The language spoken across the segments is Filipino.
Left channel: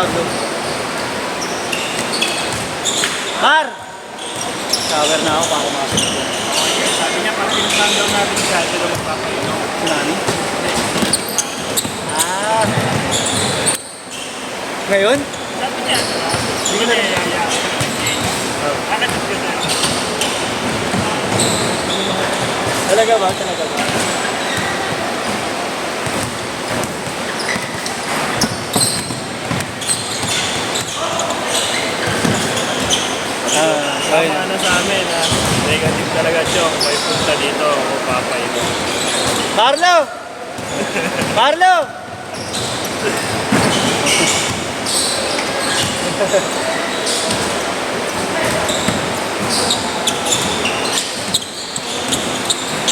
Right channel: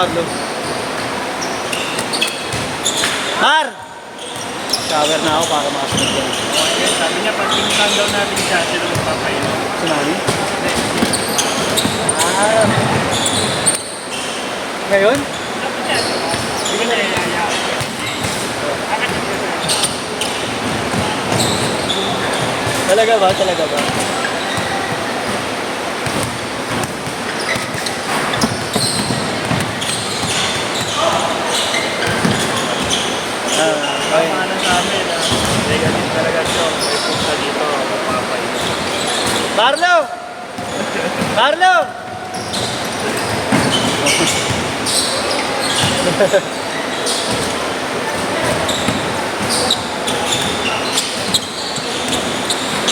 gago. Mar! Shower na ako para makasok ko. Okay, sabi niya, pag pinuntahan daw natin siya, siya daw magpapainom. Sinani? Ah. Ngayon? Sabi niya, hindi ka na yaya. Kakasip niya na. Talaga ba? Talaga ba? Ay, ano sa amin, negative talaga siya. May punta dito, magpapainom. Carlo! Carlo!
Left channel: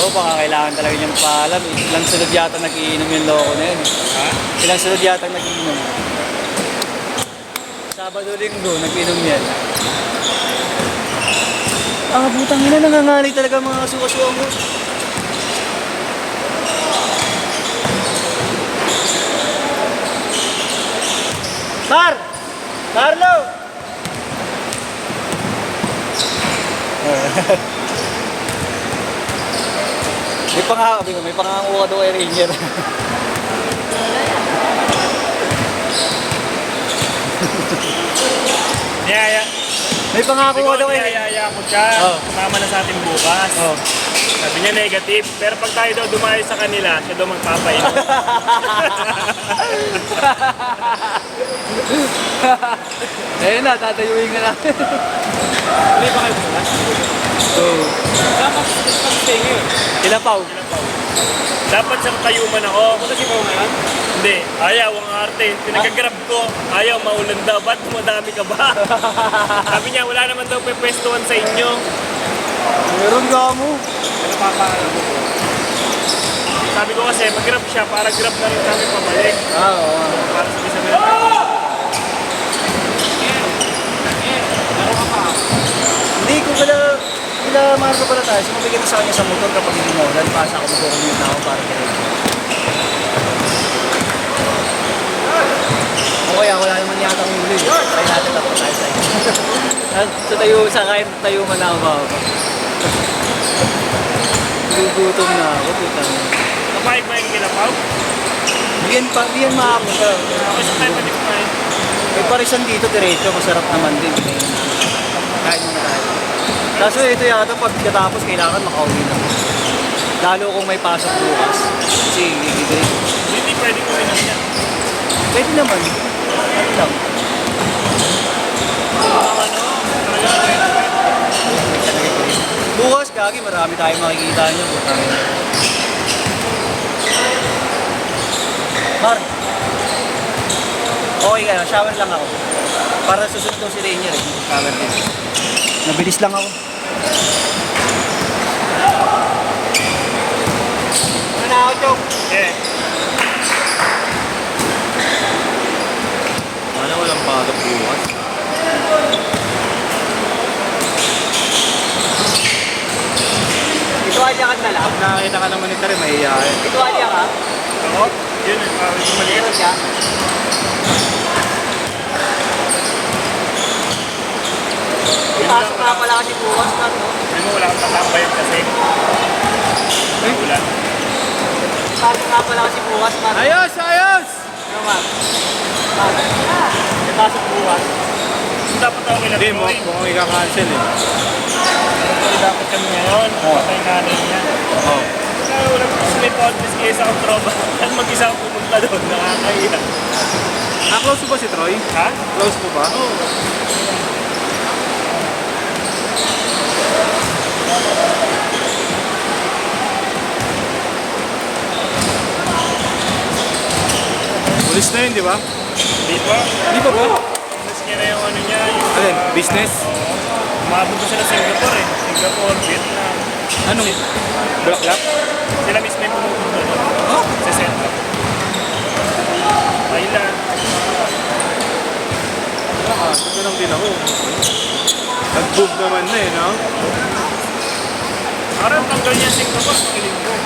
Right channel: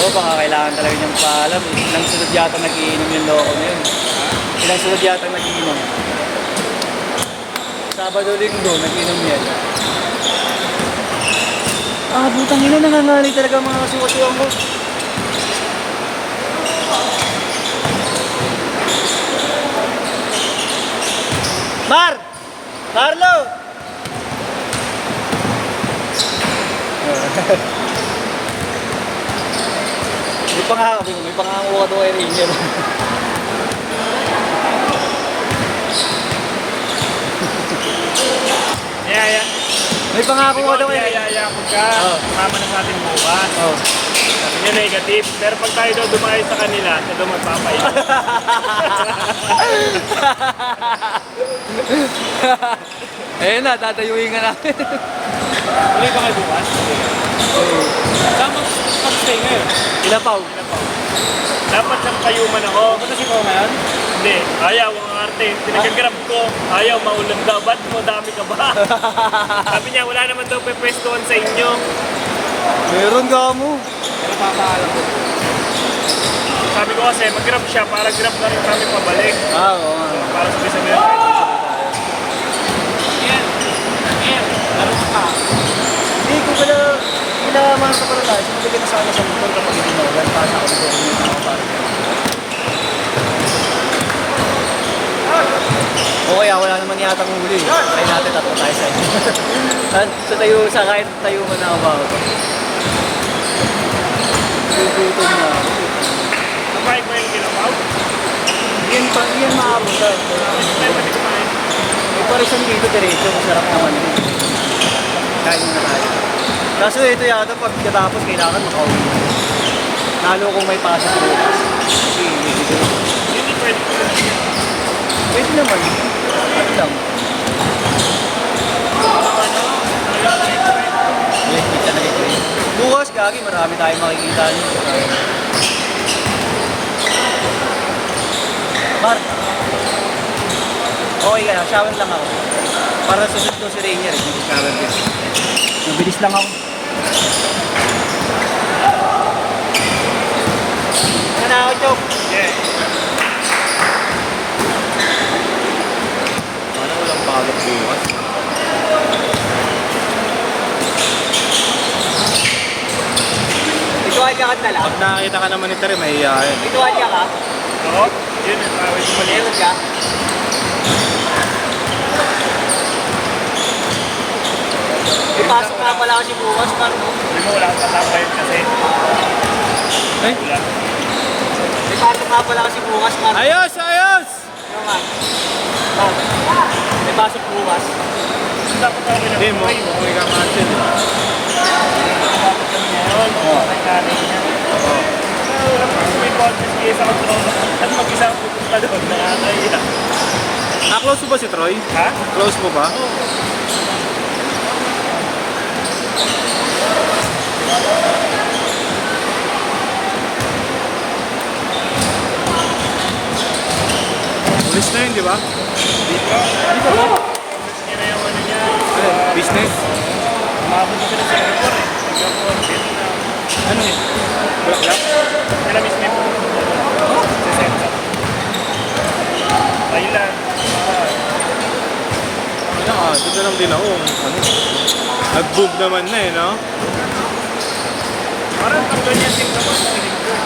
Oo, baka kailangan talaga niyang paalam. Ilang sunod yata nag-iinom yung loko na yun. Ilang sunod yata nag-iinom. Sabado linggo, nag-iinom yan. Ah, butang ina, nanganganay talaga ang mga suwasuwang ko. Mar! Carlo! May pangangakuha daw kay Ranger. Niyaya. May pangakuha daw kay Ranger. Niyayaya ko siya. Oh. Sumama na sa ating bukas. Oh. Sabi niya negative. Pero pag tayo daw dumayo sa kanila, siya daw magpapainom. Ayun na, tatayuin nga natin. Hindi ba kayo bukas? Oo. Dapat stay ngayon. Ilapaw. Dapat sa kayuman ako. Kasi ko ngayon? Hindi. Ayaw ang arte. Pinagagrab ko. Ayaw, maulan daw. Ba't madami ka ba? Sabi niya, wala naman daw pepwestuhan sa inyo. Meron ka mo. Sabi ko kasi, mag-grab siya para grab na rin kami pabalik. Para sabi-sabi na tayo. Hindi ko pala masok pala tayo. Sumibigay na sana sa motor kapag hindi mo. Lantasan ko siguro yung mga dati. Okay, wala naman yata ng huli. Kaya natin tapos tayo sa inyo. Sa kahit tayo man na ako. Gugutom na. Kumain-kumain ka lang ba? Yan maamon ka. May parisan dito diretso. Masarap naman din. Kain muna tayo. Kaso ito yata pagkatapos kailangan makauwi na. Lalo kung may pasok bukas. Kasi hindi. Hindi pwede ko rin niya. Pwede naman. Ano lang. Ang ano, talaga pwede. Bukas gagi, marami tayong makikita niyo. Mar. Okay ka, shower lang ako. Para susunod ko si Rainier, mag-shower din. Mabilis lang ako. Ano na ako, Chok? Yeah. Ano walang pagod bukas? Ituwalya ka na lang? Pag nakakita ka naman ito rin, mahihayin. Ituwalya ka? Oo, yun eh, para ito maliit. Mayroon ka? Yun lang, Ipasok na pala kasi bukas, paano? Hindi mo, wala akong tatabayan kasi. May ulan. Ipasok na pala kasi bukas, paano? Ayos! Ayos! Ano nga? Ipasok bukas. Dapat ako Hindi mo, umuwi ka cancel eh. Dapat kami ngayon, patay natin niya. Wala ko kasi may podcast kaya sa control. At mag-isa ang pupunta doon, makakaya. Close mo ba si Troy? Ha? Close mo ba? Oo. Ulis na yun, di ba? Di ba? Di ba ba? Mas kaya yung ano niya. Ano, business? Makapunta sila sa Singapore eh. Singapore, Vietnam. Ano eh? Black? Sila mismo yung pumunta doon. Sa Singapore. Thailand. Dito lang din ako. Nag-boom naman na eh, no? Parang ang ganyan Singapore sa piling ko eh.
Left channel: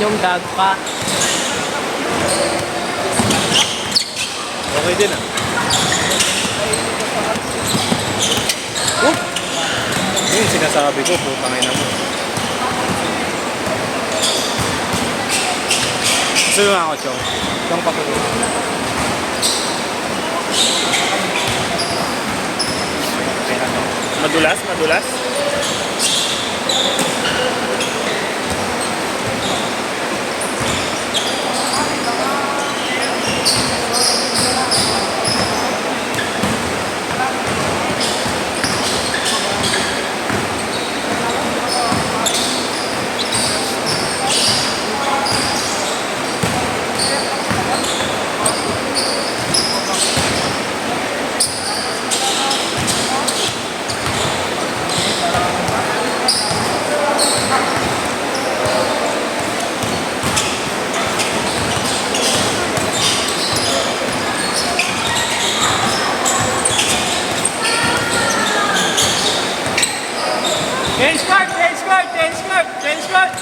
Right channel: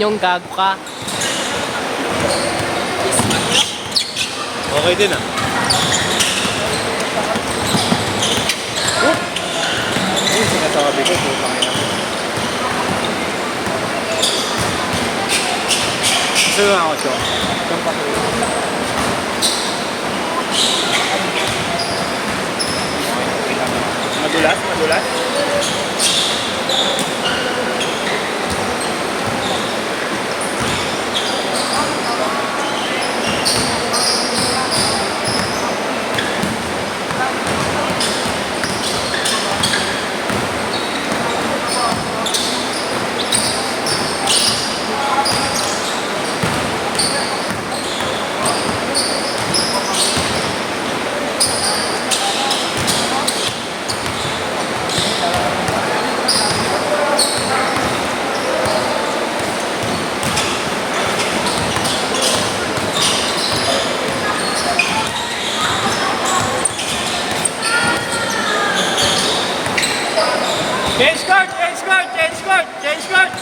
yung gag pa. Okay din ah. Yun yung sinasabi ko, putang ina mo. Gusto yung ako siya. Kung pakirin. Madulas, madulas. Change card, change card, change card, change card.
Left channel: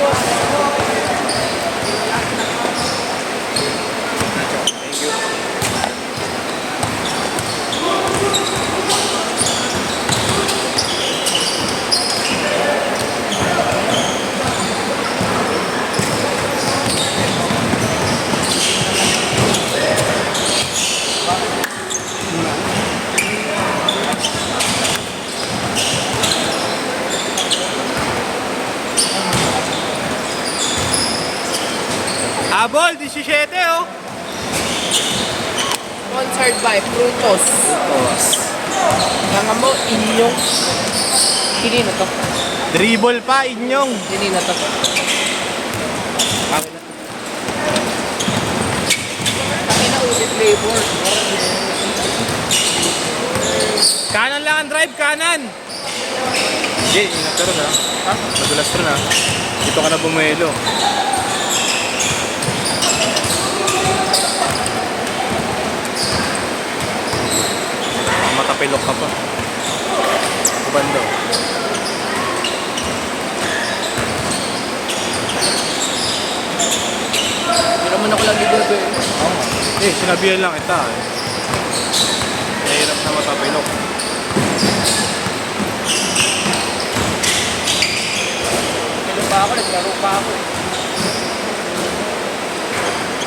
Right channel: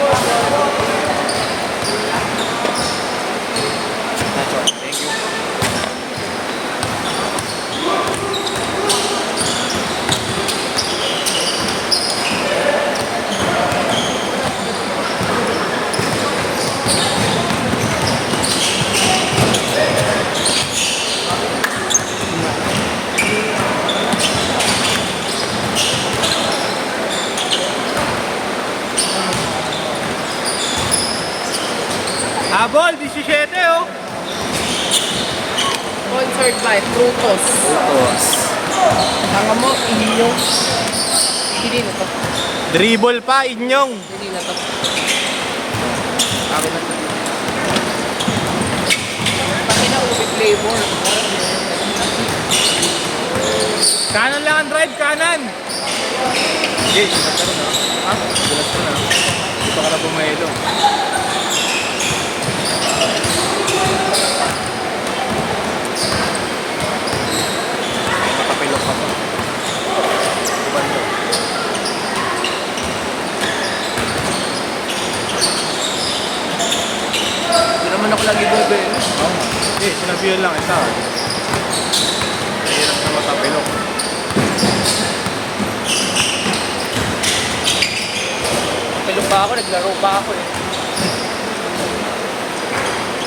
Thank you. Habol, 17 oh. Sponsored by Frutos. Putos. Mga mo, inyong. Hindi na to. Dribble pa, inyong. Hindi na to. Ako na. Pati na ulit flavor. Kanan lang ang drive, kanan. Okay, ingat ka rin ah. Ha? Dulas ka na. Dito ka na pumelo. Makapilok ka pa. Iban mo. Hindi naman ako lagi bebe. Oo nga. Sinabihan lang ito. Hirap na matapilok. Nilong pa ako, naglaro pa ako eh.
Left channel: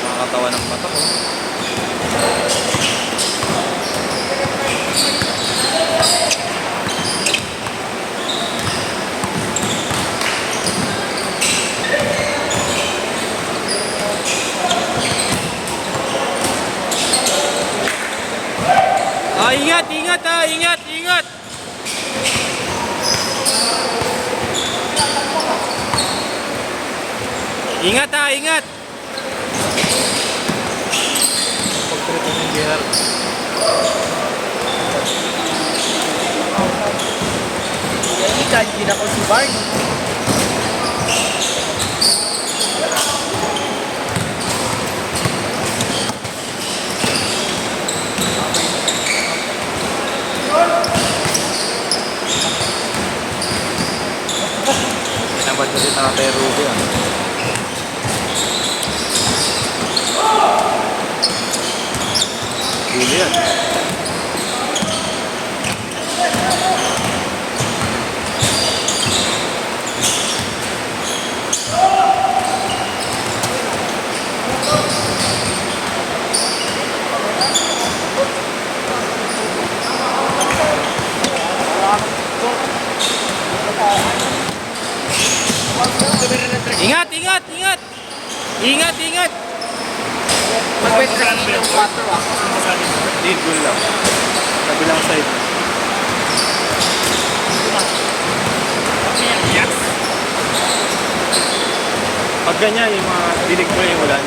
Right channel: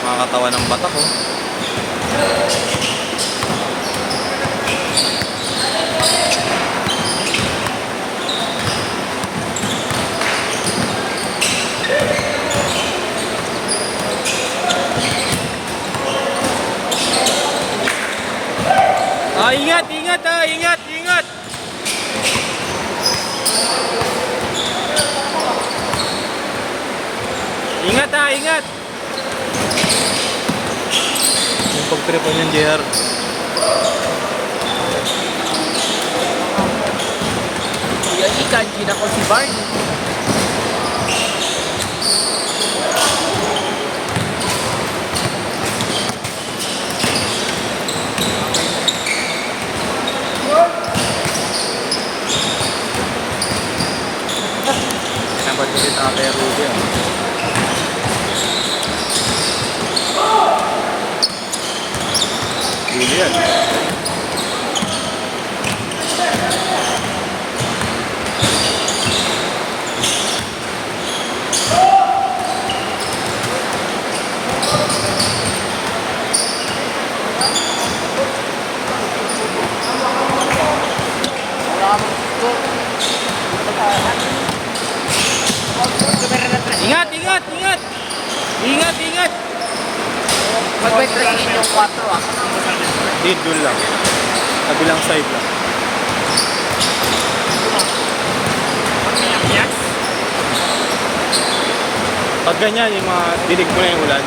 Nakakatawa ng bata mo. Ingat, ingat ah, ingat, ingat. Ingat ah, ingat. Pagpirito ng JR. Yan, kanina ko si Barney. Sinabad ko si Tatay Ruby ah. Huli yan. Ingat, ingat, ingat. Ingat, ingat. Mag-bet tracking yung 4 ah. Di, dun lang. Kabilang side lang. Piyak-piyak. Pag ganyan, yung mga dinig mo yung ulan,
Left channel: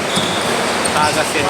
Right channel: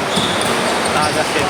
tagas yun.